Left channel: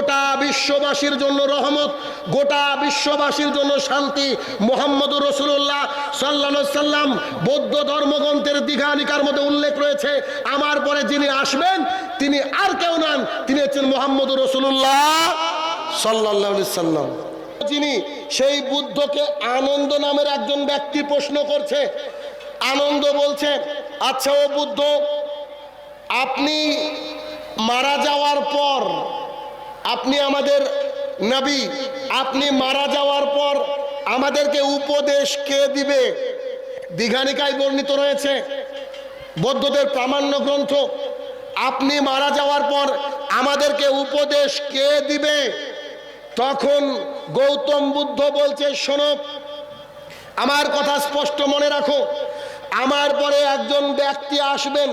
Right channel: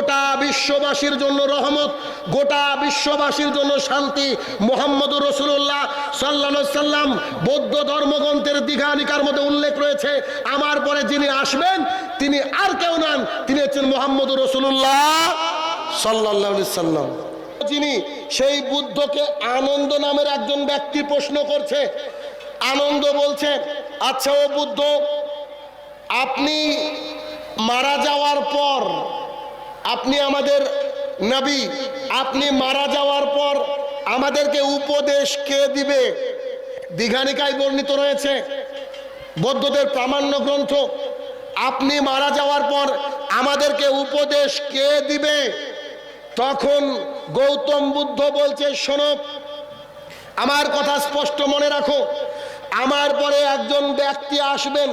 গোটা বিশ্ববাসীর জন্য রহমত, গোটা বিশ্ববাসীর জন্য শান্তি। মুহাম্মদুর রাসূলুল্লাহ সাল্লাল্লাহু আলাইহি সাল্লাম বৌদ্ধ ধর্মগ্রন্থের দীঘানিকার মধ্যে উল্লেখ রয়েছে, আমার পরে যিনি আসবেন তিনি আর কেউ নন, তিনি হচ্ছেন মুহাম্মদুর রাসূলুল্লাহ সাল্লাল্লাহু আলাইহি সাল্লাম। যিনি সেই বুদ্ধকে আনন্দ নামের একজন ব্যক্তি প্রশ্ন করছে। আনন্দ বলছে, আচ্ছা ও বুদ্ধ, আপনি মারা যাওয়ার পর, আপনি আমাদের নবী, আপনি মারা যাওয়ার পর আমাদেরকে উপদেশ কে দিবে? দীঘানিকায় বর্ণিত রয়েছে, বৌদ্ধদের প্রামাণ্য গ্রন্থ, আপনি মারা যাওয়ার পর আমাদেরকে উপদেশ কে দিবে? তখন গৌতম বুদ্ধ বলছে, শোনো, আমার কথা স্পষ্ট মনে রাখো, আমার পরে একজন ব্যক্তি আসবেন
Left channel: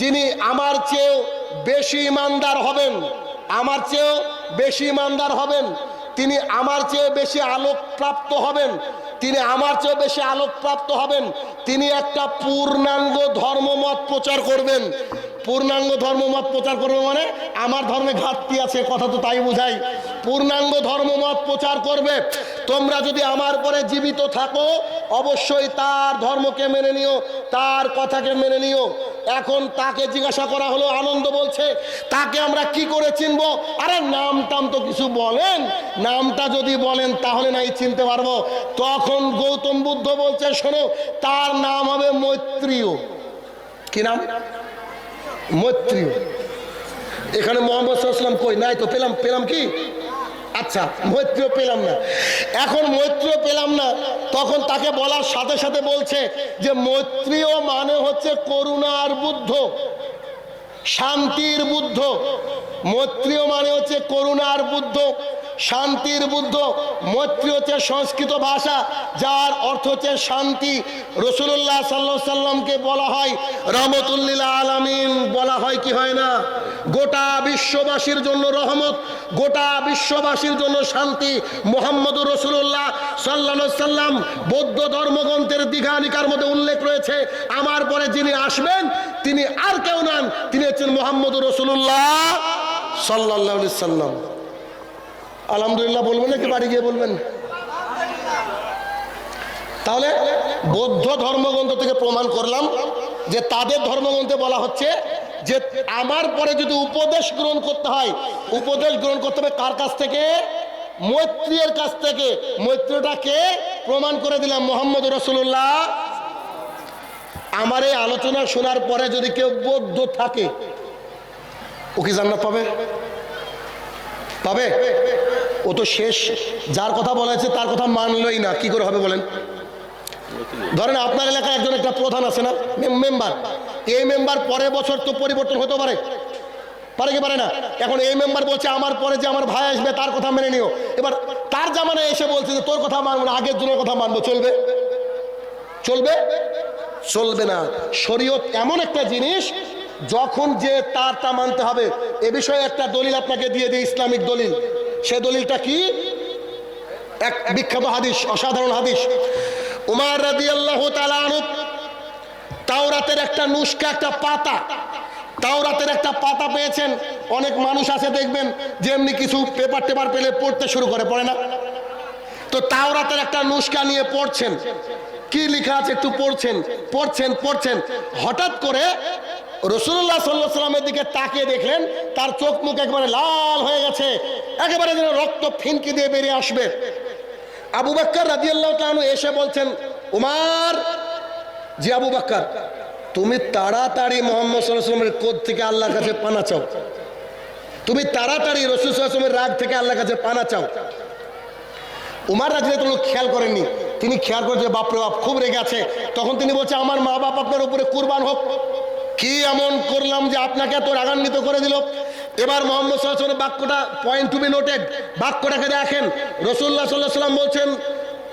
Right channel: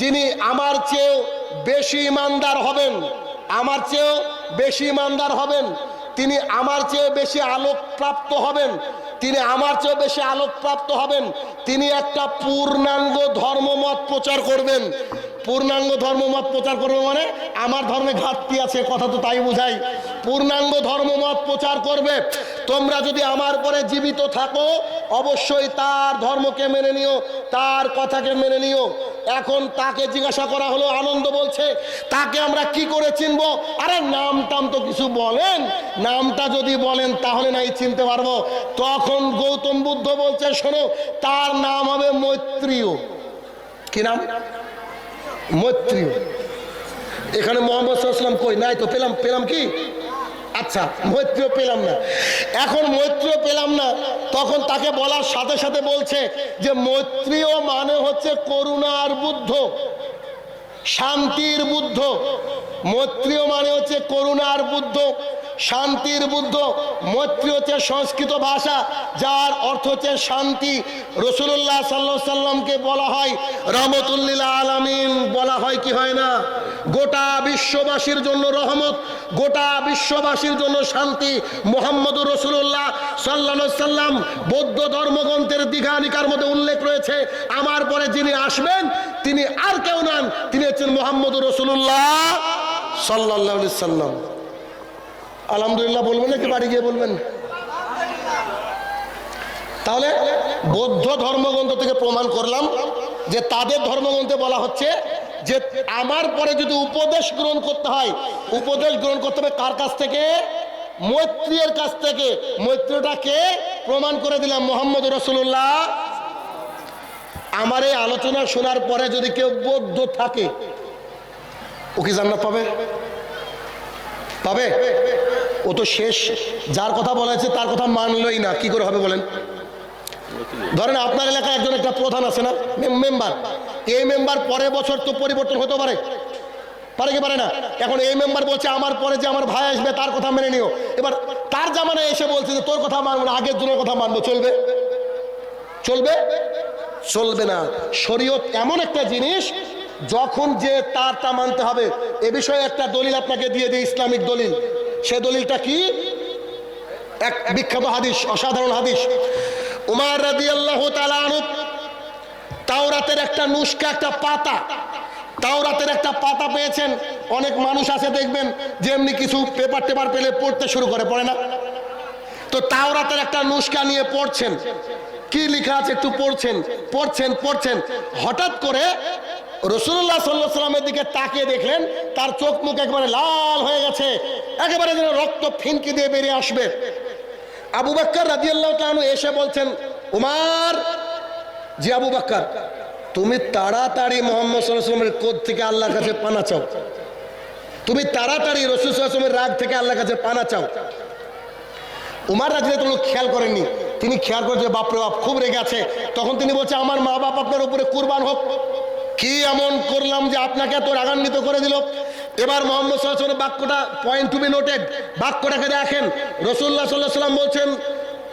যিনি আমার চেয়েও বেশি ইমানদার হবেন, আমার চেয়েও বেশি ইমানদার হবেন, তিনি আমার চেয়ে বেশি আলোকপ্রাপ্ত হবেন, তিনি আমার চেয়ে বেশি আলোকপ্রাপ্ত হবেন, তিনি একটা পূর্ণাঙ্গ ধর্মমত প্রচার করবেন। পূর্ণাঙ্গ ধর্মমত প্রচার করবে মানে আমার ধর্মে ঘাটতি আছে, কথা তো তাই বোঝাই। পূর্ণাঙ্গ ধর্মমত প্রচার করবে। তোমরা যদি আমার পরে জীবিত থাকো অবশ্যই তার ধর্মকে মেনে নিও, তার কথাকে মেনে নিও। এখন তাকে জিজ্ঞাসা করা হলো, আনন্দ বলছে, তাকে আমরা কি করে চিনবো? আরে নাম টাম তো কিছু বলেন, নামটা যদি বলেন তাহলে নাই চিনতে পারবো। তখন গৌতম বুদ্ধ বলছে, শোনো, তার নাম হবে মৈত্রীয়। কি নাম? মৈত্রীয়। এখানে মুহাম্মদ সাল্লাল্লাহু আলাইহি ওয়াসাল্লাম কই নাই তো, পেলাম কি? আচ্ছা, মৈত্রীয় পেলাম না। এখন মৈত্রীয় পেলাম না, তখন তাকে বলার সাথে সাথে বলছে যে মৈত্রীয় মানে হচ্ছে করুণার বুদ্ধ, শান্তির বুদ্ধ। মৈত্রীয় মানে হচ্ছে করুণার বুদ্ধ, শান্তির বুদ্ধ। মৈত্রী হচ্ছে সংস্কৃত ভাষা, যার অর্থ হচ্ছে শান্তি। রাসূলুল্লাহ সাল্লাল্লাহু আলাইহি সাল্লামকে বলা হয় রাহমাতুল লিল আলামিন, বলা হয় কি হয় না? গোটা বিশ্ববাসীর জন্য রহমত, গোটা বিশ্ববাসীর জন্য শান্তি। মুহাম্মদুর রাসূলুল্লাহ সাল্লাল্লাহু আলাইহি সাল্লাম বৌদ্ধ ধর্মগ্রন্থের দীঘানিকার মধ্যে উল্লেখ রয়েছে, আমার পরে যিনি আসবেন তিনি আর কেউ নন, তিনি হচ্ছেন মুহাম্মদুর রাসূলুল্লাহ সাল্লাল্লাহু আলাইহি সাল্লাম। আলহামদুলিল্লাহ বলবেন নাকি বাড়ি গিয়ে বলবেন? তাহলে বৌদ্ধ ধর্মগ্রন্থ থেকে প্রমাণ করলাম যে তাদের ধর্মগ্রন্থে বলা হচ্ছে যে আমার পরে যদি উপদেশ গ্রহণ করতে হয়, উপদেশ গ্রহণ করতে হবে কার কাছ থেকে? মৈত্রীর কাছ থেকে। মৈত্রীটাকে প্রমাণ করে দিলাম মুহাম্মদুর রাসূলুল্লাহ। আমার এই আলোচনা শোনার পরে যদি কেউ বৌদ্ধ থাকে, ও কি জান্নাত পাবে? পাবে? ও তো শেষ, যার কথা বলা হয়েছে তার কথা মানলই না, কি করে হবে বলেন? ধরেন আপনার এলাকায় একজন একটা প্রধান আছে না, মেম্বার, এই মেম্বার পরের বছর তো পরিবর্তন হতে পারে, পারে কি পারে না? এখন এই মেম্বার বলছে আমার পরে যে আমার ভাই আসবে তার কথা মেনে নিও। এবার তার জামানায় এসে বলছে যে তোর কথা মানবো না, আগের জনের কথা মানবো, চলবে? চলবে? চলবে না। শরীয়ত এমন একটা জিনিস, যখন যে তারটা মানতে হবে। এ বিষয়ে একটা দলিল আপনাকে দিয়ে দিই, ইসলামিক দলিল। সে দলিলটা কি? এক বিখ্যাত হাদিস, অসাধারণ হাদিস। উমর রাদিয়াল্লাহু তাআলা আনহু তাওরাতের একটা নুসখা, একটা পাতা, তাওরাতের একটা পাতা পেয়েছেন। অনেক মানুষ আছে দেখবেন যে এমনি কিছু পেপার টেপার পেলে পড়তে শুরু করে, পড়ে না? তো তাওরাতের একটা নুসখা নিয়ে পড়ছেন, কি লেখা আছে একটু পড়ছেন, পড়ছেন পড়ছেন, হঠাৎ করে রাসূলুল্লাহ সাল্লাল্লাহু আলাইহি ওয়াসাল্লামের দিকে তাকিয়ে দেখলেন তার চোখ মুখ একেবারে লাল হয়ে গেছে, একেবারে যেন রক্ত ফিনকি দিয়ে বেরিয়ে আসবে। আবু বকর রাদিয়াল্লাহু তাআলা আনহু এসে বলছেন, উমর, জি আবু বকর, তুমি তাড়াতাড়ি মুহাম্মদ সাল্লাল্লাহু আলাইহি ওয়াসাল্লামের ক্রোধ থেকে আল্লাহর কাছে পানা চাও, তুমি তাড়াতাড়ি রাসূল সাল্লাল্লাহু আলাইহি ওয়াসাল্লামের রাগ থেকে আল্লাহর কাছে পানা চাও। উমর রাদিয়াল্লাহু তাআলা খেয়াল করেননি, তিনি খেয়াল করে যে বাপরে বাপ খুব রেগে আছে। তখন তিনি বলছে, আমার মা বাপ আপনার উপরে কুরবান হোক, কি এমন করলাম যে আপনাকে এত রাগান্বিত করে দিল? এবার মুহাম্মদ সাল্লাল্লাহু আলাইহি ওয়াসাল্লাম বাক্যটা, পয়েন্ট টু বি নোটেড, বাক্যটাকে দেখেন। রাসূলুল্লাহ সাল্লাল্লাহু আলাইহি ওয়াসাল্লাম বলছেন,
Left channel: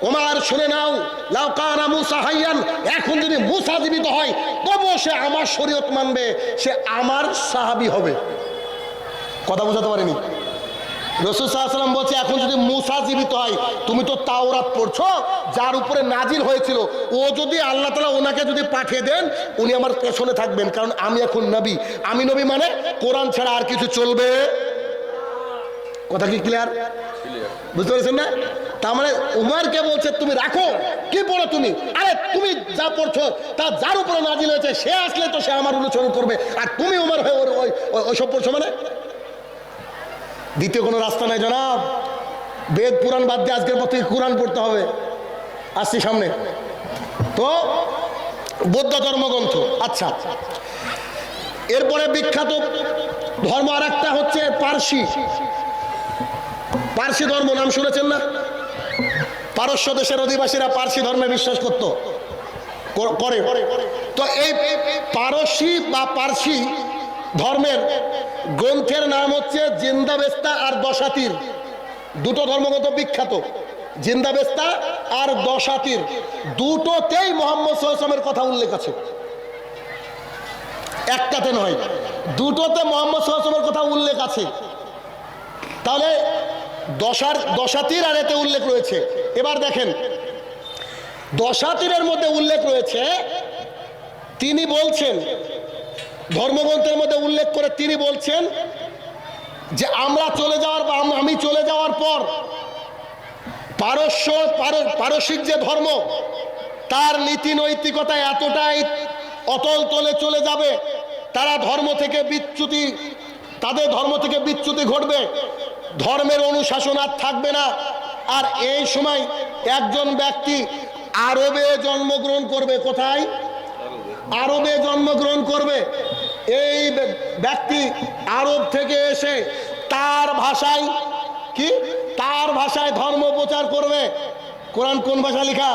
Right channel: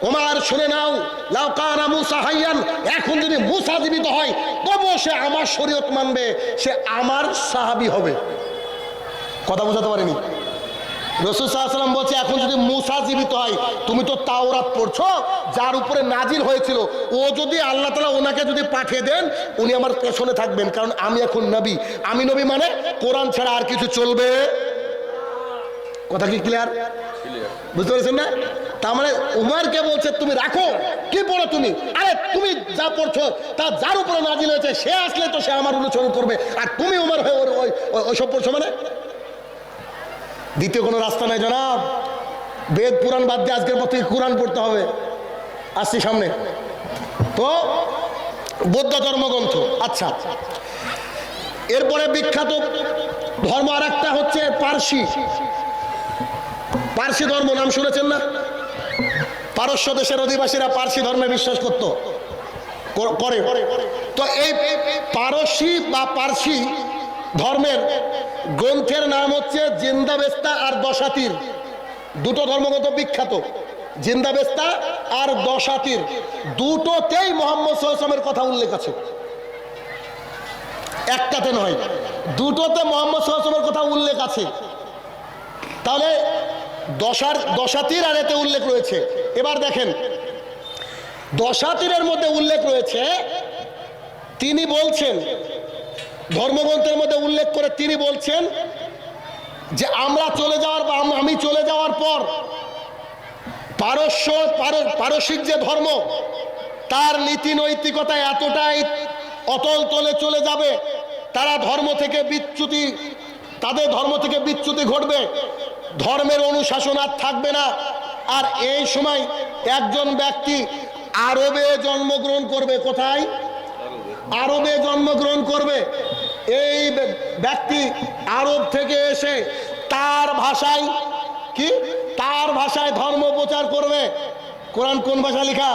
ওমর শুনে নাও, লাউ কানা মুসা হাইয়ান, এখন যদি মুসা জীবিত হয় তবুও সে আমার শরীয়ত মানবে, সে আমার সাহাবী হবে। কথা বুঝাতে পারিনি? রাসূল সাল্লাল্লাহু আলাইহি ওয়াসাল্লাম বলছে, এখন যদি মুসা জীবিত হয়, তুমি তো তাওরাত পড়ছো, যার উপরে নাজিল হয়েছিল, ও যদি আল্লাহ তাআলা ওনাকে যদি পাঠিয়ে দেন, উনি আমার পেছনে থাকবেন, কারণ আমি এখন নবী। আমি নবী মানে কোরআন ছাড়া আর কিছু চলবে। কথা কি ক্লিয়ার? বুঝতে পেরেছেন না? তার মানে উমরকে বলছে তুমি রাখো, কি পড়ো তুমি? আরে তুমি যা পড়ছো তা যার উপরে নাজিল হয়েছে সে আসলে তো সে আমার অনুসরণ করবে, আর তুমি উমর হয়ে ওইসব পড়ছো মানে? দ্বিতীয় কোনো রাস্তা নাই জনাব। বেদ পুরাণ বাদ দিয়ে আজকের পর থেকে কোরআন পড়তে হবে। আসছি সামনে। তো বৌদ্ধ ধর্মগ্রন্থ। আচ্ছা, এরপরে বিখ্যাত ধর্ম আর একটা হচ্ছে পারসি। পারসি ধর্ম নাম শুনেছেন না? পারস্য দেশের অধিবাসীরা পারসি ধর্মে বিশ্বাস করত, করে। তো এই পারসি বা পারসি ধর্মের গ্রন্থের নাম হচ্ছে জিন্দাবেস্তা আর দশাতির। দুটো ধর্মগ্রন্থ বিখ্যাত, জিন্দাবেস্তা আর দশাতির। দুটোতেই মোহাম্মদ সাল্লাল্লাহু আলাইহি ওয়াসাল্লামের কথা উল্লেখ আছে, একটাতে নয়, দুটোতে মোহাম্মদ সাল্লাল্লাহু আলাইহি ওয়াসাল্লামের কথা উল্লেখ আছে। তাহলে দশাতির আর এতে উল্লেখ রয়েছে। এবার দেখেন, দশাতিরের মধ্যে উল্লেখ রয়েছে, তিনি বলছেন, ধর্মগ্রন্থের মধ্যে উল্লেখ করে তিনি বলছেন যে আমরা চলে যাওয়ার বা আমি চলে যাওয়ার পর পারসিক যে ধর্ম তার নীতি নৈতিকতা এতটাই অতল তলে চলে যাবে, তাদের ধর্ম থেকে বিচ্যুতি ঘটবে, ধর্মের অনুশাসন আর থাকবে না। আর এই সময় একজন ব্যক্তি আরবে জন্মগ্রহণ করবে। কোথায়? আরবে জন্মগ্রহণ করবে। এই ব্যক্তি আরব থেকে এসে তার ভাষায় ধর্ম প্রচার করবে। কোরআন কোন ভাষা লেখা?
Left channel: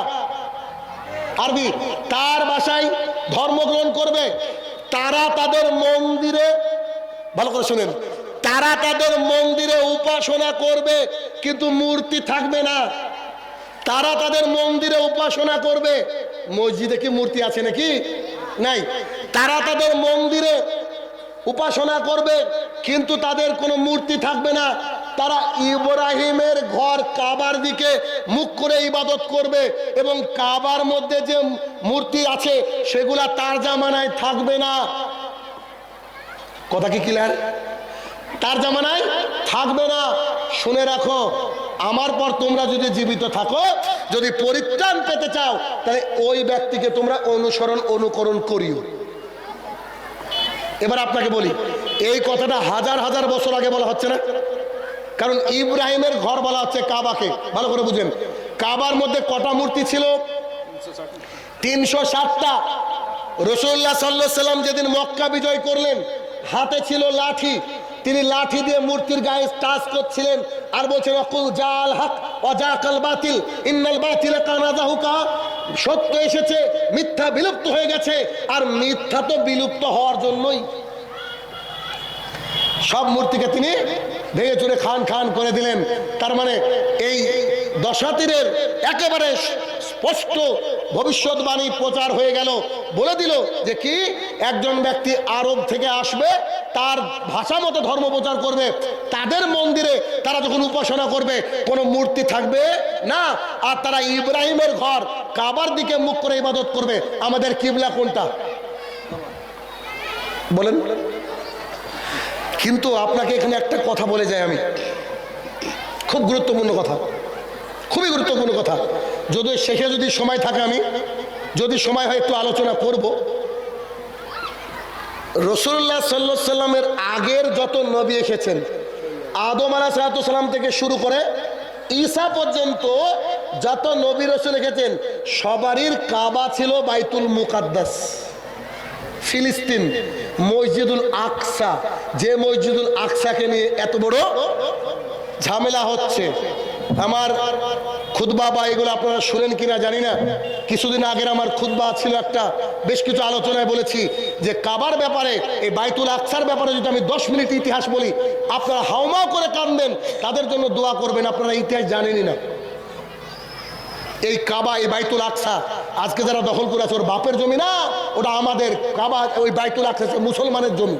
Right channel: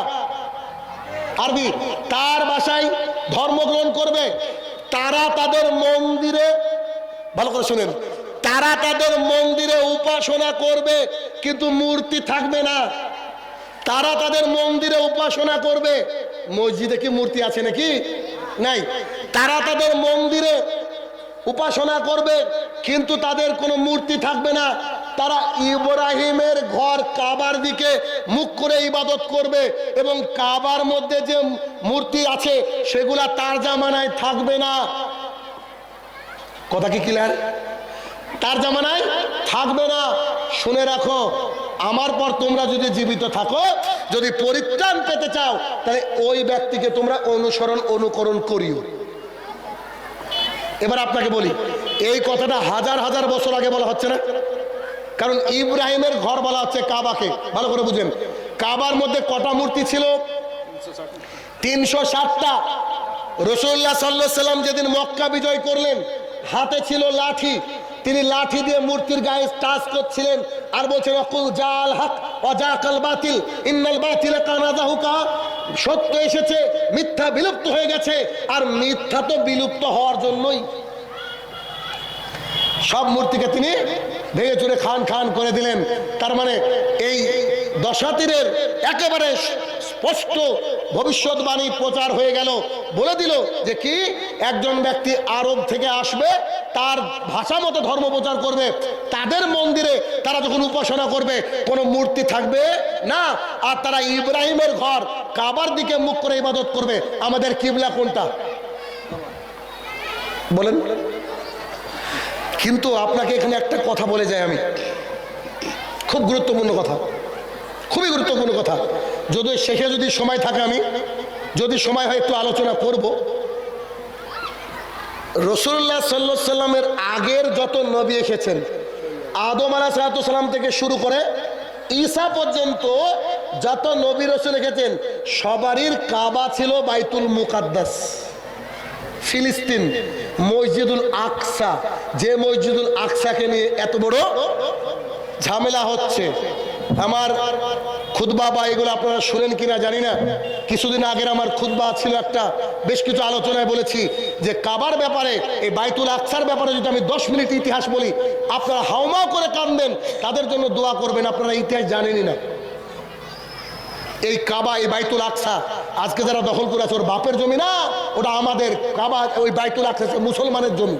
আরবি। তার ভাষায় ধর্মগ্রহণ করবে। তারা তাদের মন্দিরে, ভালো করে শুনেন, তারা তাদের মন্দিরে উপাসনা করবে, কিন্তু মূর্তি থাকবে না। তারা তাদের মন্দিরে উপাসনা করবে। মসজিদে কি মূর্তি আছে নাকি? নাই। তারা তাদের মন্দিরে উপাসনা করবে, কিন্তু তাদের কোনো মূর্তি থাকবে না। তারা ইব্রাহিমের ঘর কাবার দিকে মুখ করে ইবাদত করবে, এবং কাবার মধ্যে যে মূর্তি আছে সেগুলা তার জামানায় থাকবে না। কথা কি ক্লিয়ার? তার জামানায় থাকবে না। শুনে রাখো, আমার পর তোমরা যদি জীবিত থাকো, যদি পরিত্রাণ পেতে চাও, তাহলে ওই ব্যক্তিকে তোমরা অনুকরণ করিও। এবার আপনাকে বলি, এই কথাটা হাজার হাজার বছর আগে বলা হচ্ছে না? কারণ ইব্রাহিমের ঘর বলা হচ্ছে কাবাকে। ভালো করে বুঝেন, কাবার মধ্যে কটা মূর্তি ছিল? 360টা। রাসূলুল্লাহ সাল্লাল্লাহু আলাইহি সাল্লাম যেদিন মক্কা বিজয় করলেন, হাতে ছিল লাঠি, তিনি লাঠি দিয়ে মূর্তির গায়ে টাচ করছিলেন আর বলছেন অকুল জাল হক ওয়া জাকাল বাতিল ইন্নাল বাতিলা কানা যাহুকা। সত্য এসেছে, মিথ্যা বিলুপ্ত হয়ে গেছে, আর মিথ্যা তো বিলুপ্ত হওয়ার জন্যই। সব মূর্তিকে তিনি ভেঙে চুরে খান করে দিলেন। তার মানে এই দশাতিরের একেবারে স্পষ্ট ভবিষ্যৎবাণী প্রচার হয়ে গেল। বলে দিল যে কি, একজন ব্যক্তি আরব থেকে আসবে, তার ভাষা মতো ধর্ম প্রচার করবে, তাদের মন্দিরে তারা যখন উপাসনা করবে কোনো মূর্তি থাকবে না, আর তারা ইব্রাহিমের ঘর কাবার দিকে মুখ করে ইবাদত করবে। আমাদের কিবলা কোনটা বলেন? কিন্তু আপনাকে এখানে একটা কথা বলে যাই আমি, খুব গুরুত্বপূর্ণ কথা, খুবই গুরুত্বপূর্ণ কথা। যদি শেষে যদি সময় থাকে, আমি যদি সময় হয় একটু আলোচনা করব। রাসূলুল্লাহ সাল্লাল্লাহু আলাইহি সাল্লামের আগের যত নবী এসেছেন, আদম আলাইহিস সালাম থেকে শুরু করে ঈসা পর্যন্ত যত নবী রাসূল এসেছেন, সবারই কাবা ছিল বাইতুল মুকাদ্দাস, ফিলিস্তিন, মসজিদুল আকসা। যে মসজিদুল আকসাকে নিয়ে এত বড় ঝামেলা হচ্ছে। আমার খুতবা বা এগুলো আপনারা শুনেন কিনা জানি না, কিছুদিন আগের আমার খুতবা ছিল একটা, বেশ কিছু আলোচনায় বলেছি যে কাবার ব্যাপারে, এই বাইতুল আকসার ব্যাপারে যদি আমি 10 মিনিট ইতিহাস বলি, আপনারা হাউমাউ করে কাঁদবেন, তাদের জন্য দোয়া করবেন। আপনারা ইতিহাস জানেনই না। এই কাবা, এই বাইতুল আকসা আজকে যারা দখল করে আছে, ওর বাপের জমি না, ওটা আমাদের। কাবা, ওই বাইতুল আকসা মুসলমানের জমি,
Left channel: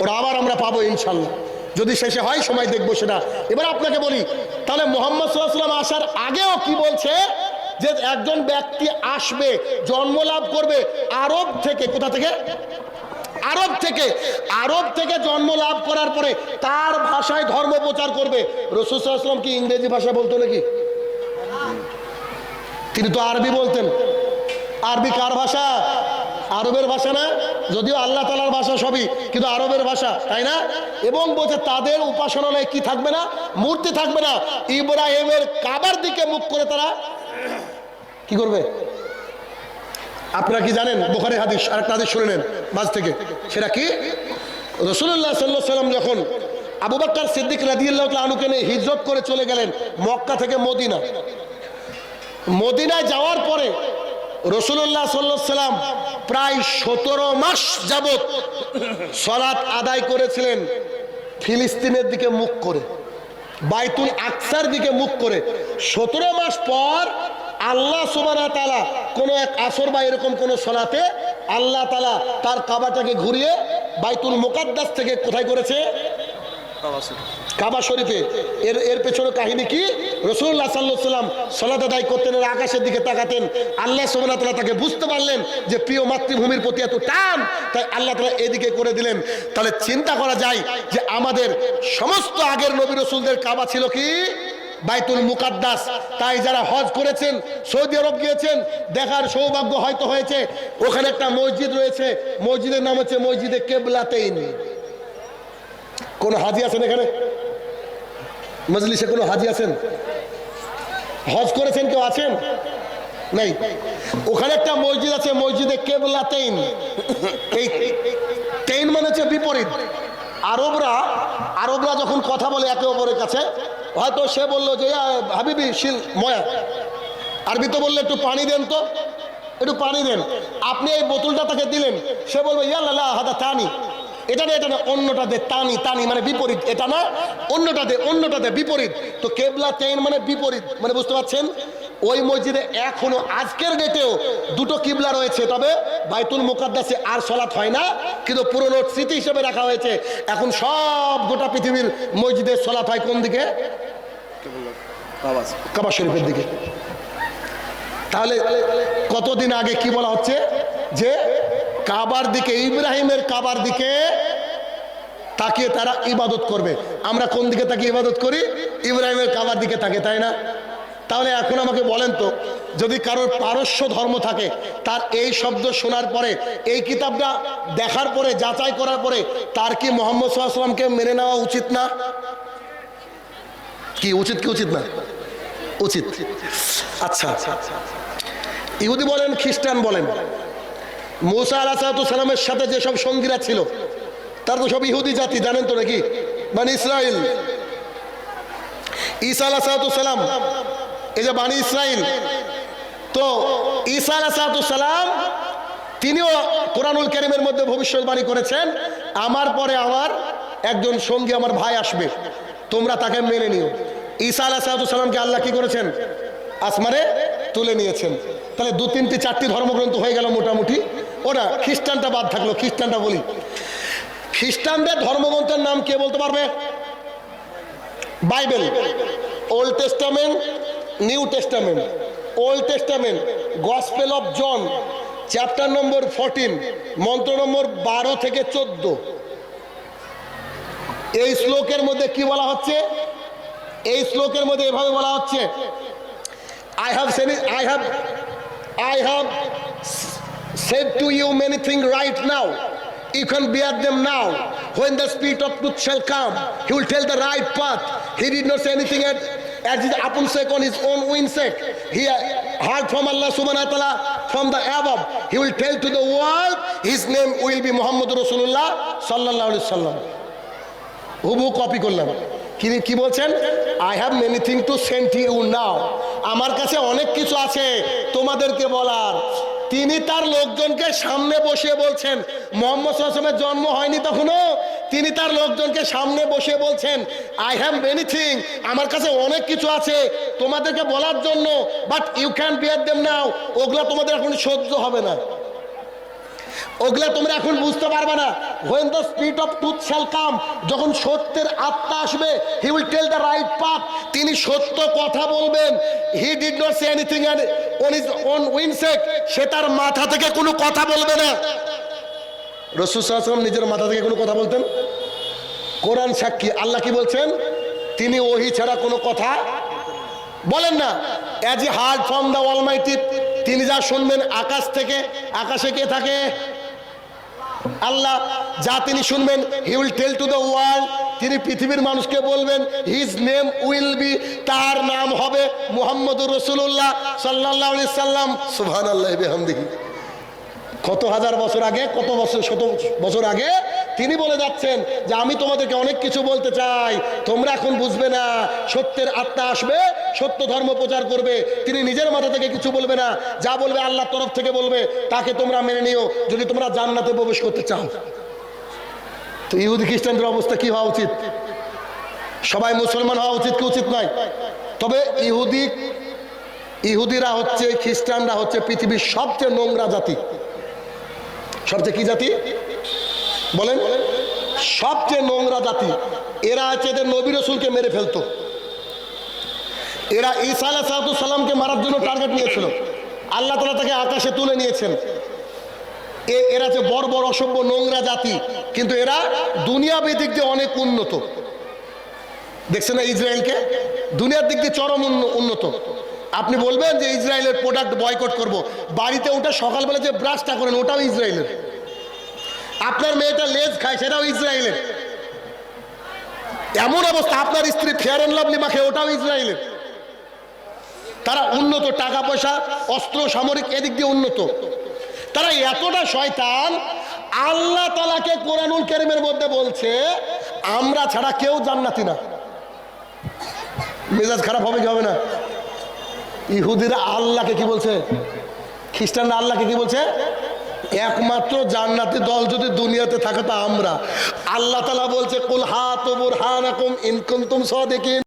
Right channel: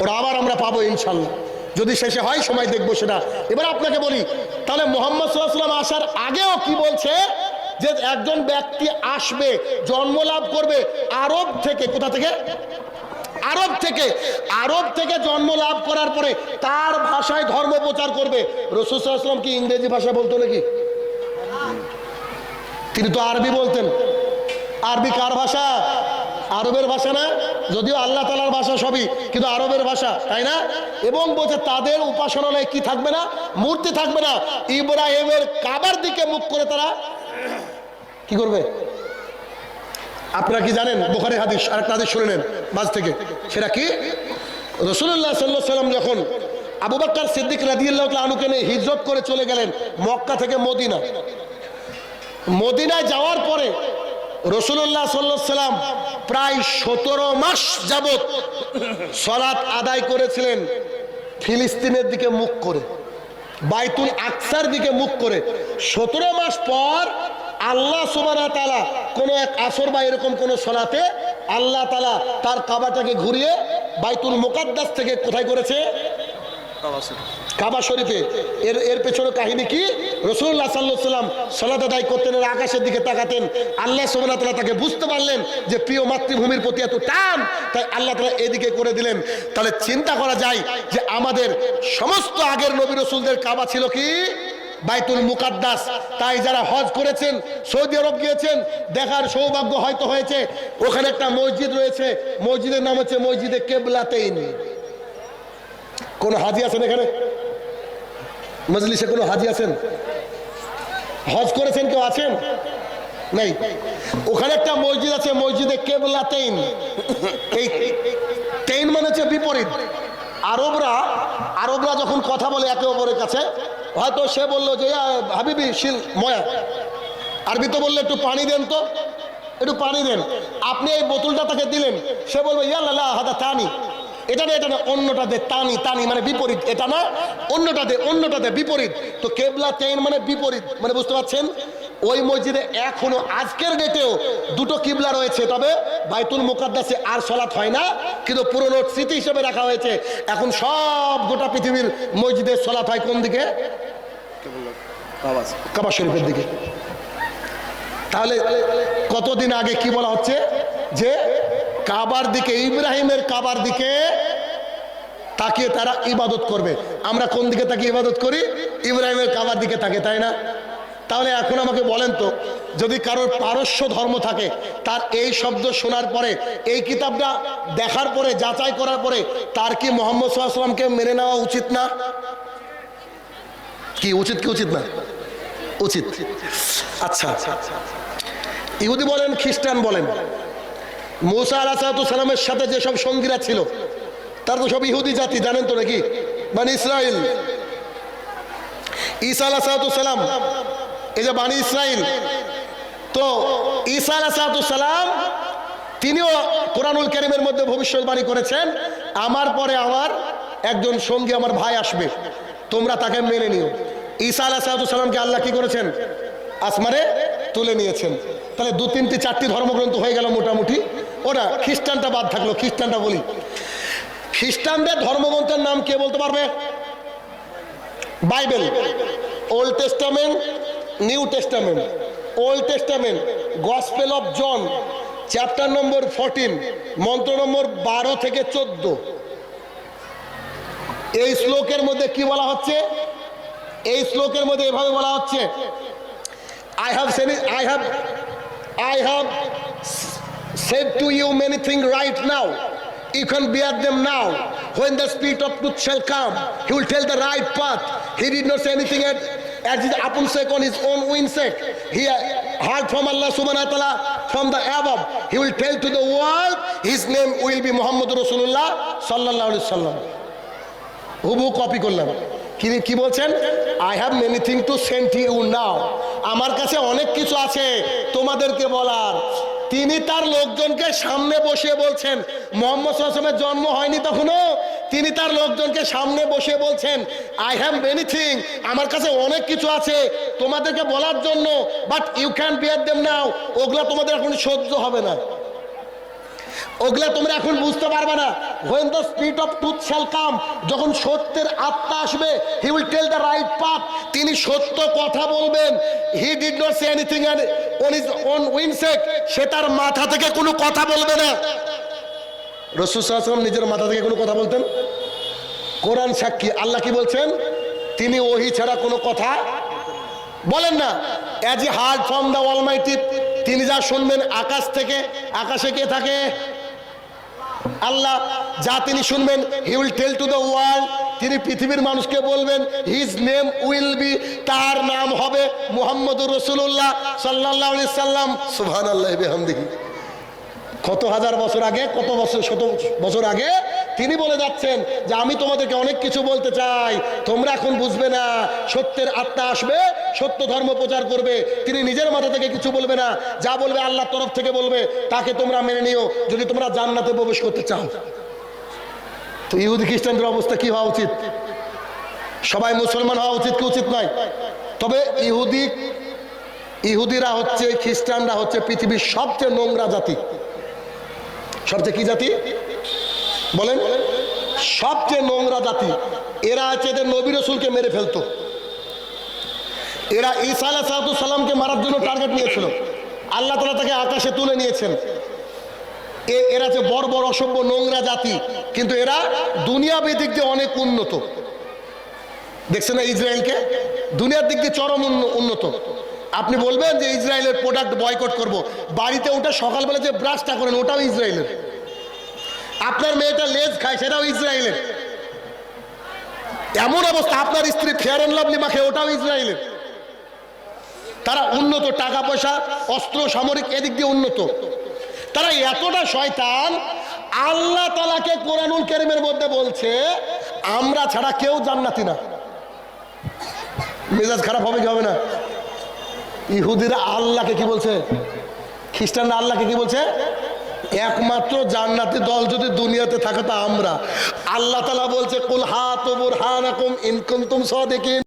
ওটা আবার আমরা পাবো ইনশাল্লাহ, যদি শেষে হয়, সময় দেখবো সেটা। এবার আপনাকে বলি, তাহলে মুহাম্মদ সাল্লাল্লাহু আলাইহি ওয়াসাল্লাম আসার আগেও কি বলছে? যে একজন ব্যক্তি আসবে, জন্ম লাভ করবে আরব থেকে। কোথা থেকে? আরব থেকে জন্ম লাভ করার পরে তার ভাষায় ধর্ম প্রচার করবে। রাসূল সাল্লাল্লাহু আলাইহি ওয়াসাল্লাম কি ইংরেজি ভাষা বলতো নাকি? তিনি তো আরবি বলতেন। আরবি কার ভাষা? আরবের ভাষা না? যদিও আল্লাহ তাআলার ভাষা সবই, কিন্তু আরবের ভাষা, তাই না? এবং বলছে তাদের উপাসনালয়ে কি থাকবে না? মূর্তি থাকবে না। ইব্রাহিমের কাবার দিকে মুখ করে তারা কি করবে? আপনারা কি জানেন? বুখারী হাদিস, আরেকটা হাদিস শুনে নেন মাঝ থেকে। সেটা কি? রাসূলুল্লাহ সাল্লাল্লাহু আলাইহি ওয়াসাল্লাম যখন আবু বকর সিদ্দিক রাদিয়াল্লাহু তাআলা আনহুকে নিয়ে হিজরত করে চলে গেলেন মক্কা থেকে মদিনায় যাওয়ার পরে রাসূলুল্লাহ সাল্লাল্লাহু আলাইহি ওয়াসাল্লাম প্রায় 17 মাস যাবত সালাত আদায় করেছিলেন ফিলিস্তিনের দিকে মুখ করে, বাইতুল আকসার দিকে মুখ করে। 17 মাস পর আল্লাহ সুবহানাহু ওয়া তাআলা কোন এক আসর বা এরকম কোন সালাতে আল্লাহ তাআলা তার কাবাটাকে ঘুরিয়ে বাইতুল মুকাদ্দাস থেকে কোথায় করেছে? কাবা শরীফে। এর পেছনে কাহিনী কি? রাসূলুল্লাহ সাল্লাল্লাহু আলাইহি ওয়াসাল্লাম সালাত আদায় করতেন, আকাশের দিকে তাকাতেন। আল্লাহ সুবহানাহু ওয়া তাআলা তাকে বুঝতে পারলেন যে প্রিয় মাতৃভূমির প্রতি এত টান, তাই আল্লাহ তাআলা এদিকে করে দিলেন। তাহলে চিন্তা করা যায় যে আমাদের সমস্ত আগের নবী রাসূলদের কাবা ছিল কি? বাইতুল মুকাদ্দাস। তাই যারা হজ করেছেন, সৌদি আরব গিয়েছেন, দেখার সৌভাগ্য হয়তো হয়েছে, ওখানে একটা মসজিদ রয়েছে, মসজিদের নাম হচ্ছে মসজিদে কেবলাতাইন। কোন হাজি আছেন এখানে মজলিসে? কোন হাজি আছেন? হজ করেছেন কেউ আছেন? নাই। ওখানে একটা মসজিদ আছে, মসজিদে কেবলাতাইন। এই তেইন মানে হচ্ছে বিপরীত। আরবরা যখন কথা বলে একে অপরের কাছে, হয়তো সে বললো যে হাবিবি শিল ময়া, আরবিতে বললে একটু পানি দেন তো, একটু পানি দেন। আপনি এই বোতলটা তাকে দিলেন, সে বলবে ইয়াল্লা হাদা তানি, এটা না অন্যটা দে, তানি মানে বিপরীত, এটা না অন্যটা দে বিপরীত। তো কেবলাতাইন মানে বিপরীত, মানে বুঝতে পারছেন? ওই মসজিদে এখনো আজকের ডেটেও দুটো কিবলা রয়েছে, তবে বাইতুল মুকাদ্দাসে আর সালাত হয় না, কিন্তু পুরনো স্মৃতি হিসেবে রাখা হয়েছে। এখন সব গোটা পৃথিবীর মসজিদে সালাত হয় কোন দিকে? কাবা শরীফের দিকে। তাহলে কতদিন আগে কি বলা হচ্ছে যে কাবার দিকে, ইব্রাহিমের কাবার দিকে তাকিয়ে তারা ইবাদত করবে। আমরা কোন দিকে তাকিয়ে ইবাদত করি? ইব্রাহিমের কাবার দিকে তাকে, তাই না? তাহলে এখন আমাকে বলেন তো, যদি কারোর পারস্য ধর্ম থাকে, তার এই শব্দ শোনার পরে, এই কিতাবটা দেখার পরে, যাচাই করার পরে, তার কি মুহাম্মদ সাল্লাল্লাহু আলাইহি ওয়াসাল্লামকে মেনে নেওয়া উচিত না? কি উচিত কি উচিত না? উচিত। আচ্ছা, ইহুদি বলেন, খ্রিস্টান বলেন, মুসা আলাইহিস সালামের সাথে যেসব সঙ্গীরা ছিল তারা তো সব ইহুদি জাতি, জানেন তো নাকি? বানি ইসরাইল। ঈসা আলাইহিস সালাম, এই যে বানি ইসরাইল, তো ঈসা আলাইহিস সালাম তিনিও কোরআনুল কারীমের মধ্যে ভবিষ্যৎবাণী করেছেন, আমার পরে আমার একজন সঙ্গী, আমার ভাই আসবে, তোমরা তাকে মেনে নিও। ঈসা আলাইহিস সালামকে আল্লাহ কি করেছেন? আসমানে তুলে নিয়েছেন। তাহলে 2, 3, 4টি ধর্মগ্রন্থ হয়ে গেল মোটামুটি। ওটা খ্রিস্টানটা বাদ থাকলো, খ্রিস্টানটা বলি। খ্রিস্টানদের ধর্মগ্রন্থের নাম কে বলতে পারবে? Bible, Old Testament, New Testament. Old Testament Gospel of John, chapter number 14, মন্ত্র নম্বর 12 থেকে 14। এই শ্লোকের মধ্যে কি বলা হচ্ছে? এই শ্লোকের মধ্যে এভাবে বলা হচ্ছে, I have said to you many things right now. You can bear them now. When the Spirit of truth shall come, He will tell the right path. He did not say anything as his upon sake on his own winsake. He heard from Allah subhanahu wa ta'ala from the above. He will tell to the world, His name will be Muhammad Rasulullah sallallahu alaihi wasallam. হুবহু copy করলাম। কি বলছেন? I have many thing to send you now, আমার কাছে অনেক কিছু আছে তোমাদেরকে বলার। তিনি তার লোকজনকে সামনে বসিয়ে বলছেন, মুহাম্মদ সাল্লাল্লাহু আলাইহি ওয়াসাল্লামের জন্ম হয়নি তখনও, তিনি তার লোকজনকে সামনে বসিয়ে বলছেন, আই হ্যাভ মেনি থিং, আমার কাছে অনেক কিছু আছে তোমাদেরকে বলার জন্য, but you can bear them now, ওগুলা তোমাদের এখন সহ্য হবে না, ওগুলা তোমরা এখন বুঝতে পারবে না। when the spirit of truth shall come, যখন সত্যের আত্মা আসবে, he will tell the right path, তিনি সত্য কথা বলবেন। he did not say anything on his own winsake, সে তার মাথা থেকে কোনো কথা বলবে না। রাসূল সাল্লাল্লাহু আলাইহি ওয়াসাল্লাম নিজের মাথা থেকে কোনো কথা বলতেন? কোরআন সাক্ষী, আল্লাহ কি বলছেন? তিনি ওহী ছাড়া কোনো কথা বলেন না। As a hard from the Almighty, তিনি যা শুনবেন আকাশ থেকে। আকাশে কে থাকে? আল্লাহ। যা তিনি শুনবেন he will tell to the world, তিনি পৃথিবীর মানুষকে বলবেন। হিজ নেম উইল বি, তার নাম হবে মুহাম্মদুর রাসূলুল্লাহ সাল্লাল্লাহু আলাইহি সাল্লাম। সুবহানাল্লাহি বিহামদিহি। কত হাজার বছর আগে, কত বছর, শত বছর আগে তিনি বলে যাচ্ছেন যে আমি তোমাদেরকে অনেক কিছু বলতে চাই, তোমরা এখন বুঝবে না। সত্যের আত্মা আসবে, সত্য ধর্ম প্রচার করবে। তিনি নিজের মাথা থেকে কিছু বলবে না, যা বলবে আল্লাহর তরফ থেকে বলবে, তাকে তোমরা মেনে নিও যদি তোমরা জান্নাতে প্রবেশ করতে চাও। তো ইহুদি খ্রিস্টানদের অবস্থা কি হওয়া উচিত? সবাই মুসলমান হওয়া উচিত কি উচিত নয়? তবে ইহুদিরা হচ্ছে, খ্রিস্টানরা হচ্ছে পৃথিবীর সবচেয়ে নোংরা জাতি। সবচেয়ে কি জাতি বলেন? সবচেয়ে নোংরা জাতি। এরা হচ্ছে এদের নবী রাসূলকে মেরে ফেলতো। এরা ঈসা আলাইহিস সালামকে মারার জন্য টার্গেট নিয়েছিল, আল্লাহ তাআলা তাকে আকাশে তুলে নিয়েছেন। এরা যে বড় বড় অসভ্য নোংরা জাতি, কিন্তু এরা দুনিয়াবী দিক দিয়ে অনেক উন্নত। দেখছেন না ইসরায়েলকে? দুনিয়ার দিক দিয়ে চরম উন্নত। আপনি বলবেন যে ইসরায়েলের প্রোডাক্ট বয়কট করব, বাড়িতে ওটা সকালবেলা যে ব্রাশটা করেন ওটাও ইসরায়েলের। আপনার মেয়েটা লেজ খায় সেটাও ইসরায়েলের। এমন অবস্থা, আপনার স্ত্রী ফেয়ার অ্যান্ড লাভলি মাখে ওটাও ইসরায়েলের। তারা উন্নত, টাকা পয়সা, অস্ত্র, সামরিক এদিক দিয়ে উন্নত। তারা এতটা শয়তান, আল্লাহ তাআলাকে কোরআনুল কারীমের মধ্যে বলছে আমরা ছাড়া কেউ জান্নাতি না। মেজাজ খারাপ হবে কি হবে না? ইহুদিরা আল্লাহকে কি বলছে? খ্রিস্টানরা আল্লাহকে কি বলছে? একমাত্র জান্নাতি দল যদি দুনিয়াতে থাকে তা আমরা। আল্লাহ তাআলা বলছে কুল হাতু বুরহানাকুম ইন কুনতুম সাদিকিন।